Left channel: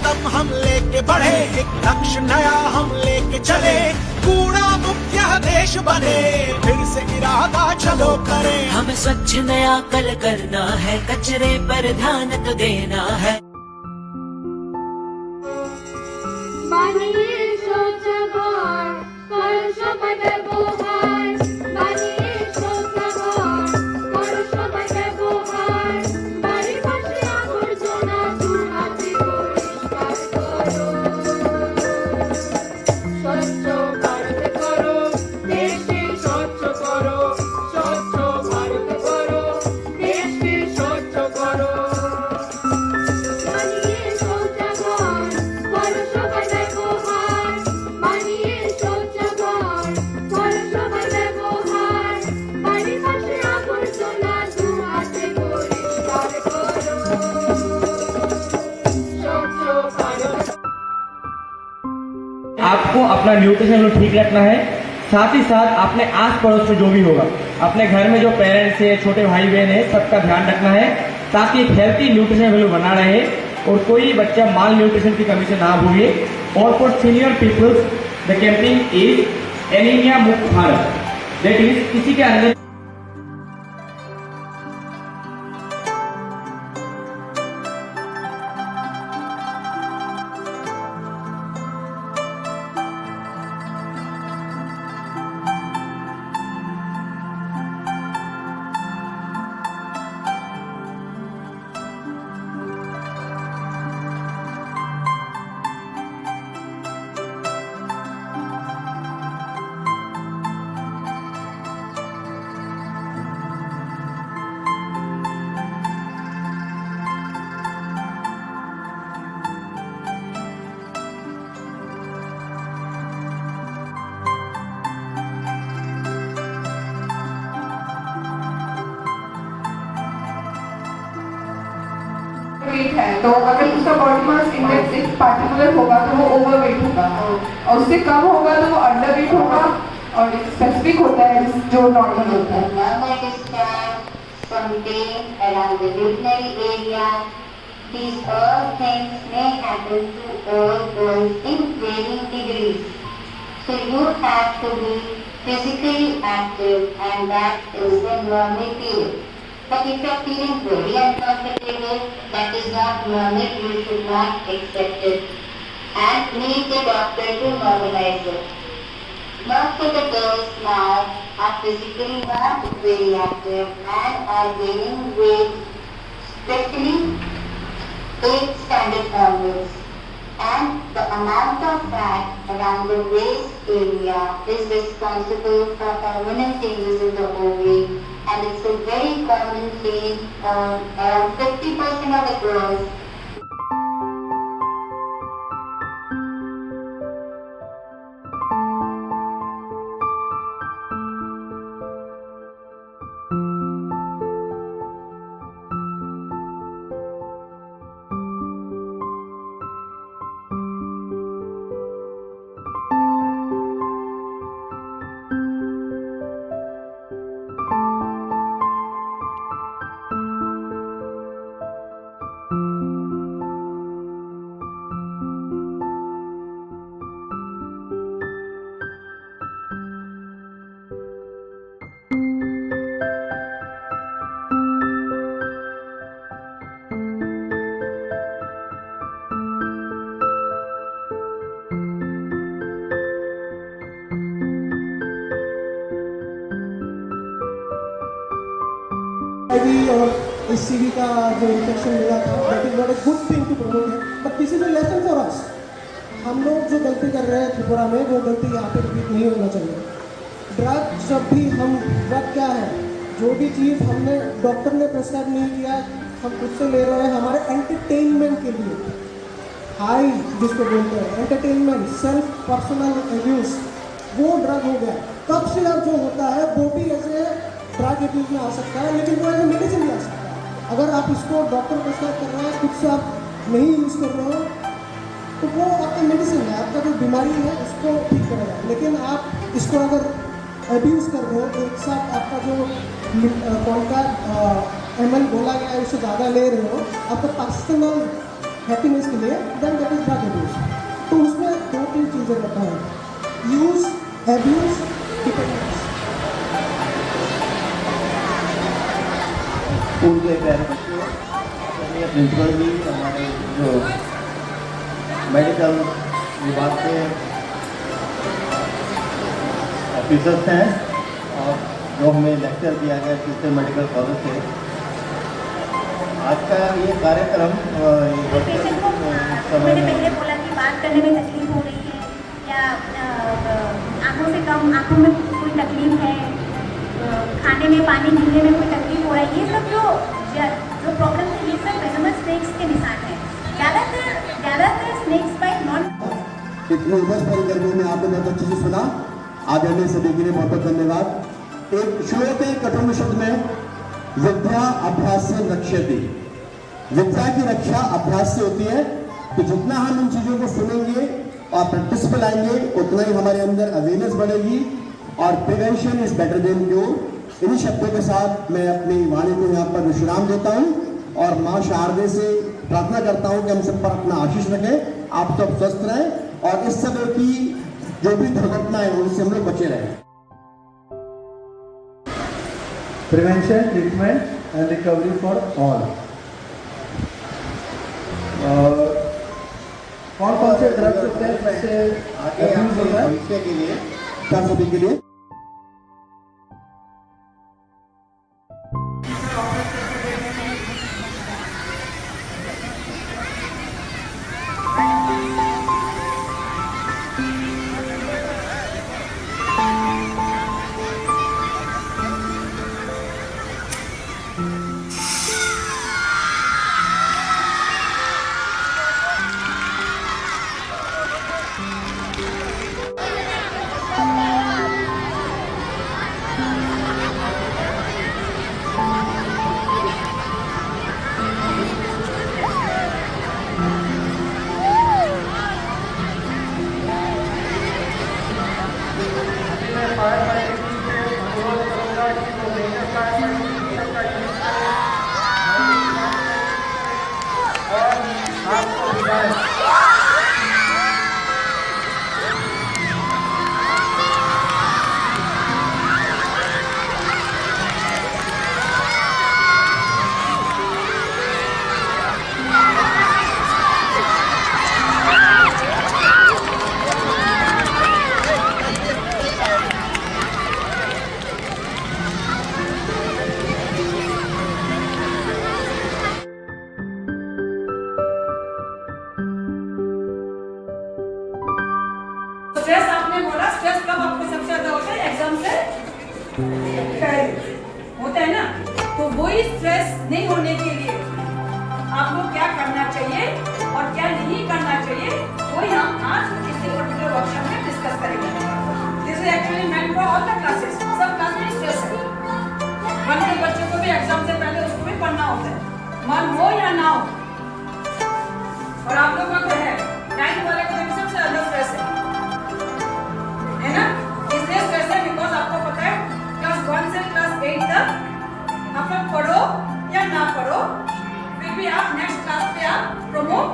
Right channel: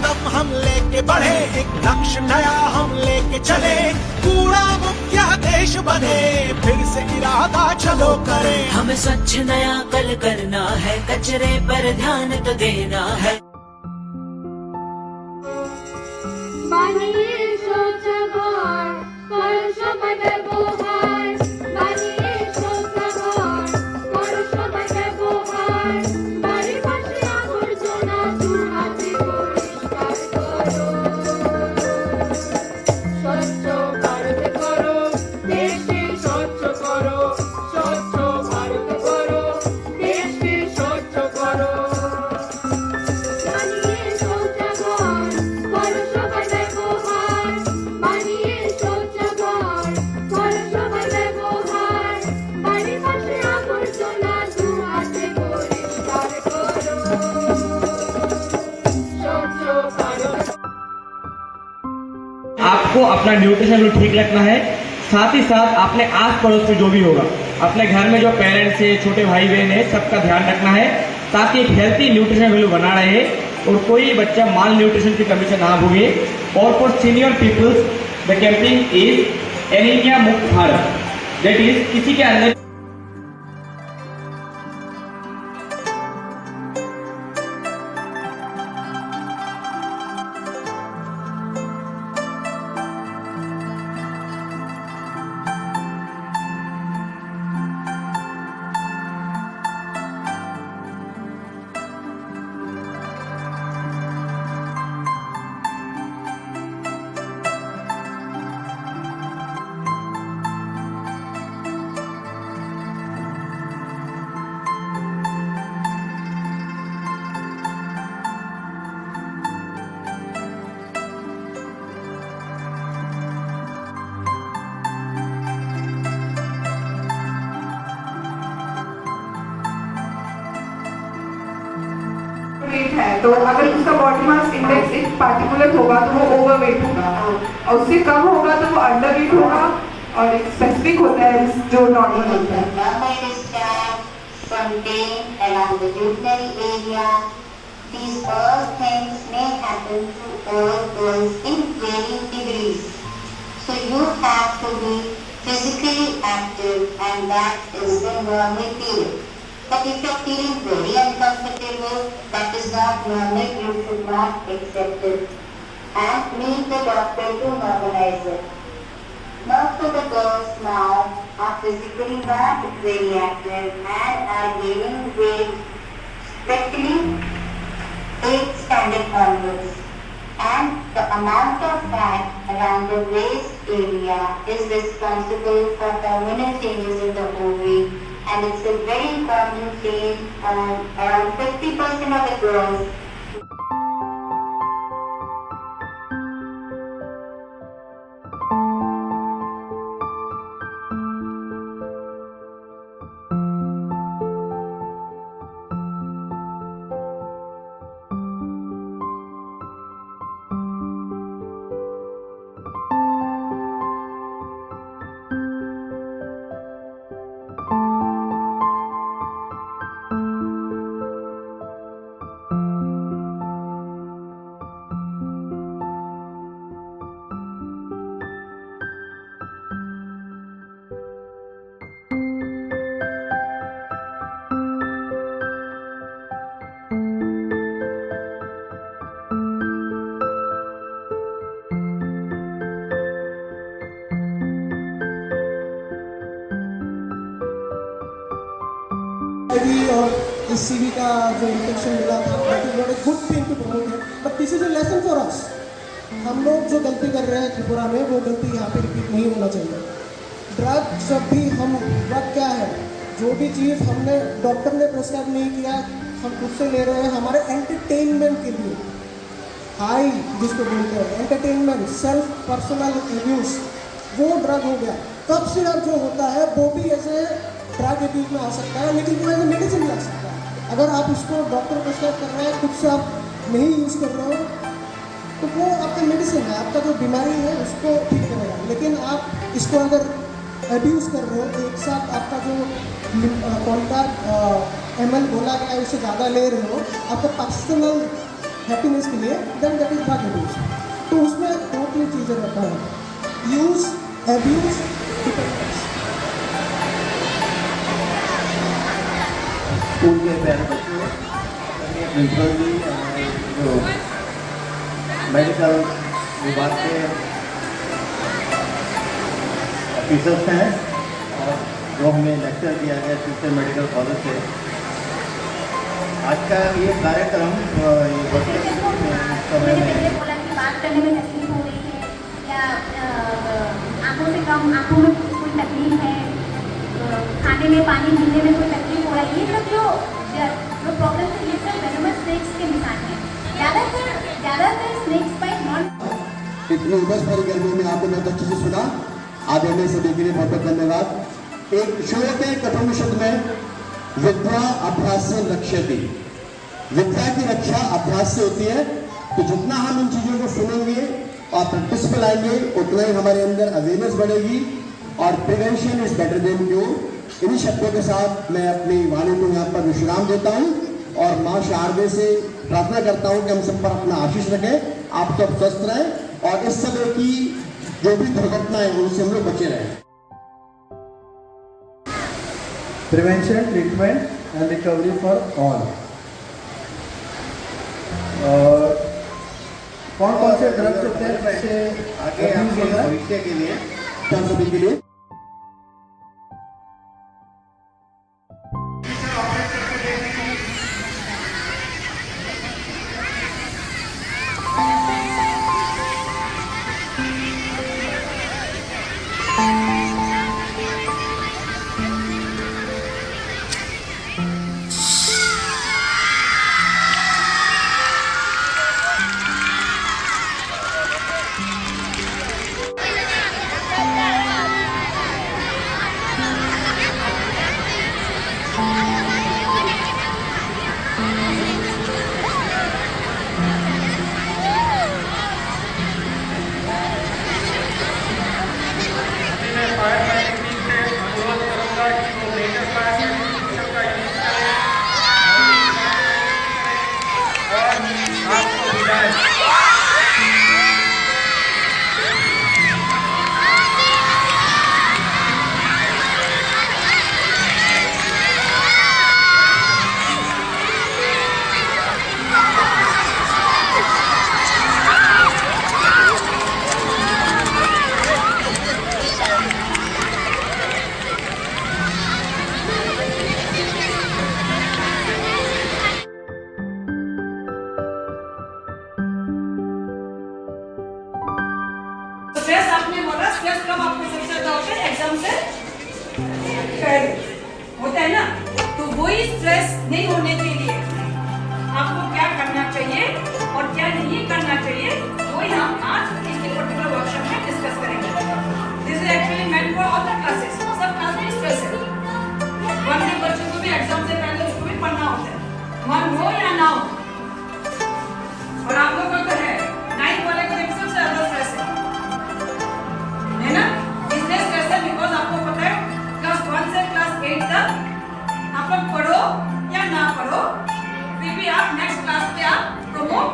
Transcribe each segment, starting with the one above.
कदम हम लेके बढ़े, एक लक्ष्य नया हम लेके चले, कूड़ा मुक्त यह देश बने, फिर से इरादा चलो करें। हमें स्वच्छ नया कल करना है, कचरे पर ध्यान तो देना है। বানিয়ে শৌচাগার কর সবাই ব্যবহার, বানিয়ে শৌচাগার কর সবাই ব্যবহার, বাড়ির পাশে আবর্জনা দূর হাতে পরিষ্কার করো। স্বচ্ছ ভারত করো, দেশকে স্বচ্ছ করো, স্বচ্ছ ভারত করো, দেশকে স্বচ্ছ করো। বানিয়ে শৌচাগার কর সবাই ব্যবহার, বানিয়ে শৌচাগার কর সবাই ব্যবহার, বাড়ির পাশে আবর্জনা দু হাতে পরিষ্কার করো। স্বচ্ছ ভারত। आपको अपना न्यूट्रिशन ठीक रखना है, साथ ही साथ अपने आस पड़ोस में जो भी होगा, अपने घर में जो पेरेंट्स है, छोटे भाई बहन है, सबका ध्यान रखना है ताकि एक हेल्थी न्यूट्रिशन वैल्यू बना रहे और कोई बच्चा माल न्यूट्रिशन की कमी से ना भूगे। और for senior peoples the campaign is anaemia मुक्त भारत, दैट इज किसी के अंदर वेट है, तो अगर उसका बॉडी मास इंडेक्स एक पार्टिकुलर होगा तो वो ओवरवेट होगा, और उससे कम होगा तो वो अंडरवेट होगा, और स्पेसिफिक होता है जो नॉर्मल होता है। From pain along the urinary area, these all things may happen to all girls in varying degrees. So you have to be physically active, and that is the normal period. But if you are feeling very uncomfortable, that is not normal, you should not accept it and need the doctor to normalize it. Most of the girls now are physically not very active and are gaining weight, especially 8th standard onwards. And the amount of fat around the waist area is responsible for hormonal changes in the ovary, and it's a very common thing on around 50% of the girls. और इस CV का जो infection मिला था, that is not a good thing to promote है, but this is a lesson for us. हम लोग जो गलती कर रहे हैं त्रिपुरा में, वो गलती यहाँ पे रिपीट नहीं होना चाहिए। ड्रग जब भी हम, ड्रग क्या है, जो भी चीज़ हमने डॉक्टर ने प्रिस्क्राइब नहीं किया, हम खुद से ले रहे हैं हमारे एंटरटेनमेंट के लिए, हाई जिसको बोलते हैं एंटरटेनमेंट, सेल्फ पर्सनल यूज, वो ड्रग हो गया। कफ सिरप जो होता है वो भी ऐसे ड्रग यूज में आ सकता है, लेकिन वो एज मेडिसिन भी आ सकता है। अगर आप इसको डॉक्टर प्रिस्क्राइब कर रहे हैं, खुद से आप नहीं यूज़ कर रहे हो, तो वो आपका मेडिसिन है, आपका जो बीमारी है उसको ठीक करेगा। लेकिन आप इसको अगर अब्यूज़ कर रहे हो, तो एक साथ आपका जो कौन का ML बोला गया है उससे ज़्यादा ले रहे हो, आपका पर्सनल हैप्पीनेस के लिए, then that is drug abuse. तो उसमें 2-3 चीज़ें रखा है, यूज, एब्यूज, डिपेंडेंस। स्कूल के प्यारे बच्चों, प्रिंसिपल भी, हमारे जो मेडिकल विभाग के ऑफिसर्स हैं और जो हमें लेक्चर दिया गया टीचर मेडिकल कॉलेज से, आज का ये कार्यक्रम समय में बात करने में तकलीफ हो रही है या आंखों से कम, आंखों में कोई तकलीफ है, खाने में पानी पीने में कोई तकलीफ हो रहा है, ये सब जो प्रॉब्लम है, ये सब वेनमस स्नेक्स के निशान है। ज़्यादातर स्नेक्स बाइट नॉन इतनी उमस भरी गर्मी में आपने बहुत अच्छे से सुना। आदरणीय सभी के लिए बहुत बहुत धन्यवाद। एक श्लोक है कठोपनिषद में, विद्या अभ्यास से रक्षति। विद्या की रक्षा अभ्यास से होती है। तो जितना हम इन चीजों को सुनेंगे और प्रैक्टिस पे लाएंगे, उतना ही हमारे अंदर अवेयरनेस बढ़ेगी और prevention is better than cure. इन्हीं शब्दों के साथ मैं अपनी वाणी को यहाँ पर विश्राम देता हूँ और माँ शारदे से प्रार्थना करता हूँ कि हम सब पर अपना आशीष रखें, आप सब स्वस्थ रहें और इस समय की जो भी दुर्घटना है उनसे हम लोग बचे रहें। Prevention, treatment and recovery for all. कौन कौन से ड्रग्स से आगे भविष्य के लिए, क्या सभी के लिए स्ट्रेस आपने बोला, स्ट्रेस कब आपको सबसे ज्यादा होता है? एग्जाम से पहले होता है ना। तो वही स्ट्रेस नहीं होने के लिए आपको क्या करना चाहिए और क्या नहीं करना चाहिए, वही हम आज इस पर्टिकुलर वर्कशॉप में डिस्कस करेंगे। This is actually meant for all the classes. सब क्लास में स्ट्रेस है। 1 के बच्चों को भी एग्जाम से पहले उसको भी पढ़ना होता है, मन हो या ना हो। और आप लोग को तो है 9 वाले को सबसे ज्यादा स्ट्रेस है ना। इसलिए स्ट्रेस है बिकॉज आपको पता है क्लास 1 से क्लास 8 तक आप लोग पढ़ो या ना पढ़ो, फिर भी आप नेक्स्ट क्लास पे आप प्रमोट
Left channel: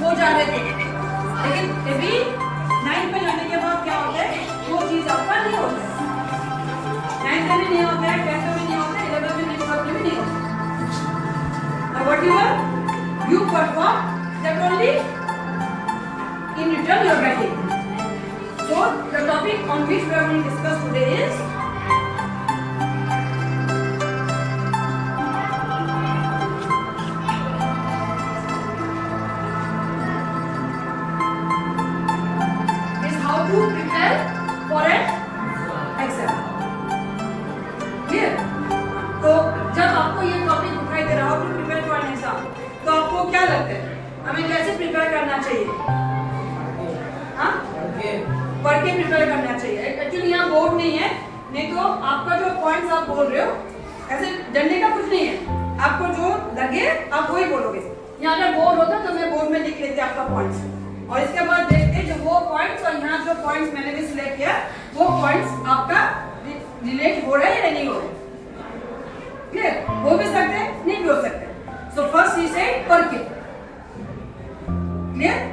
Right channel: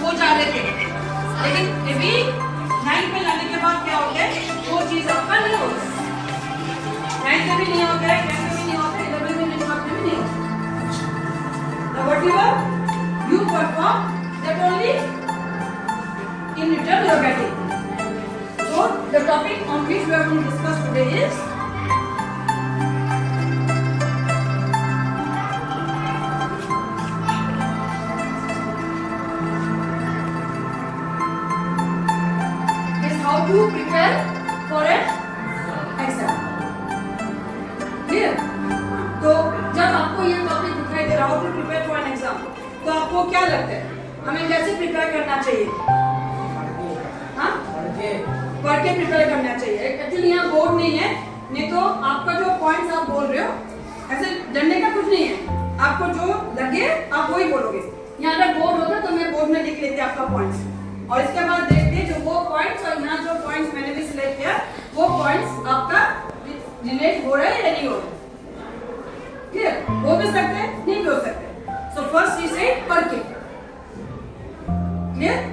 हो जा रहे थे। लेकिन अभी 9 पे जाने के बाद क्या होता है, वो चीज आपका नहीं होता है। 9 में भी नहीं होता है, 10 में भी नहीं होता है, 11 में नहीं होता है। Now whatever you perform, that only in return you are getting. So the topic on which we are going to discuss today is how to prepare for an exam. Clear? तो जब आपको ये टॉपिक दिखाई दे रहा हो to prepare for an exam, तो आपको क्या लगता है हमें कैसे प्रिपेयर करना चाहिए? हाँ, पढ़ के प्रिपेयर करना चाहिए। एक्चुअली यहाँ बोर्ड नहीं है, नहीं तो आपका जो पॉइंट्स आप बोल रहे हो ऐसे डरने का कुछ नहीं है। आपको जो लगे आप वही बोलोगे। यहाँ अगर बोर्ड होता तो मैं बोर्ड में लिख लेते आपका पॉइंट्स, और इसके बाद देखते जो वो पॉइंट्स और यहाँ जो पॉइंट्स मैंने भी सिलेक्ट किया वो पॉइंट्स आपका रिलेट हो रहा है या नहीं हो रहा है। क्लियर? हो भी सकते हैं, नहीं भी हो सकते। सो फर्स्ट वी से पढ़ के, क्लियर?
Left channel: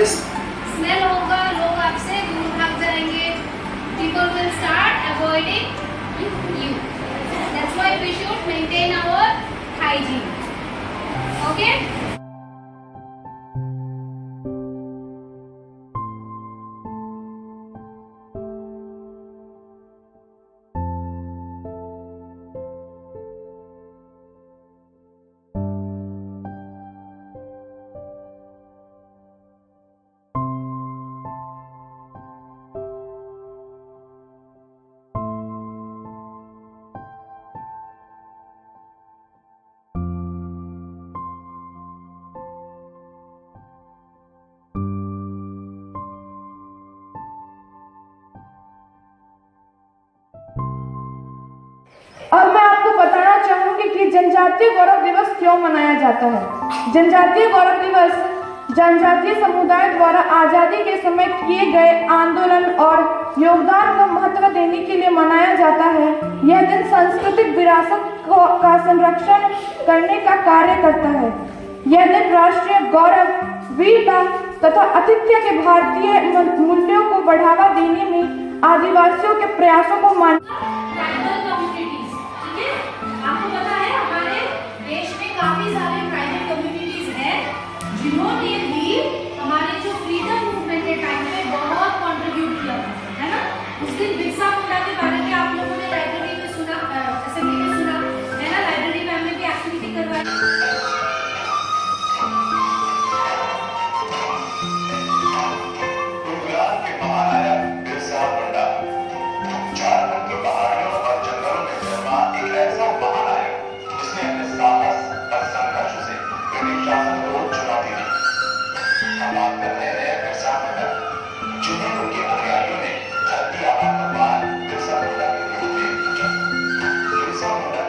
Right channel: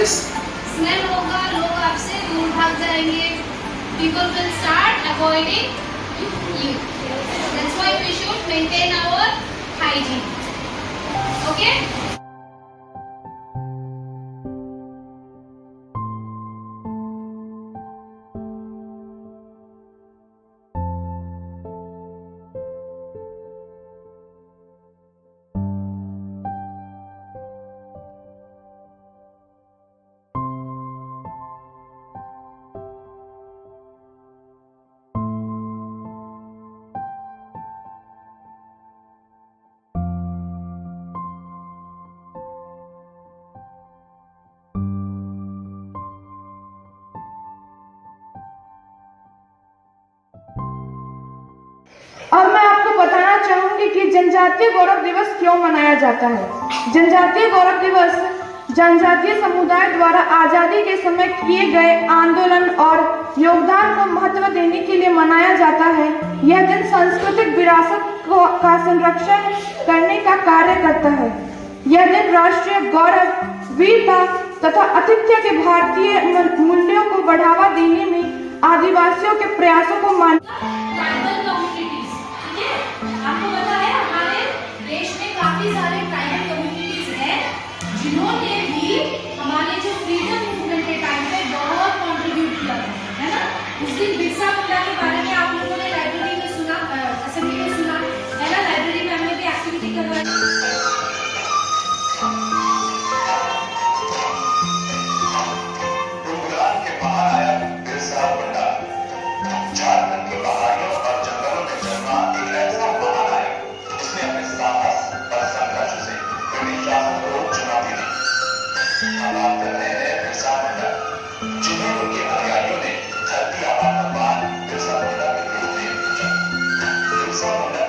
स्मेल होगा, लोग आपसे दूर भाग जाएंगे. People will start avoiding you. That's why we should maintain our hygiene. Okay? अब मैं आपको बताना चाहूंगी कि जनजातीय गौरव दिवस क्यों मनाया जाता है। जनजातीय गौरव दिवस जनजातीय समुदाय द्वारा आजादी के समय किए गए आंदोलन और योगदान को महत्व देने के लिए मनाया जाता है। यह दिन सांस्कृतिक विरासत का संरक्षण करने का कार्य करता है। यह दिन राष्ट्रीय गौरव, वीरता तथा आतिथ्य के भारतीय मूल्यों को बढ़ावा देने में आदिवासियों के प्रयासों को मान आपको पता है हमारे देश में काफी सारे ट्राइबल कम्युनिटीज हैं जिन्होंने भी हमारे जो फ्रीडम मूवमेंट के टाइम पे बहुत कंट्रीब्यूट किया है ना। उस दिन बिरसा मुंडा के बारे में आप लोगों ने लाइब्रेरी में सुना, असेंबली में सुना है ना। लाइब्रेरी में हमने भी एक्टिविटी करवाई। जिन्हें उनके अनुयायियों ने धरती आबा का बिरसा मुंडा के रूप में पूजा। बिरसा मुंडा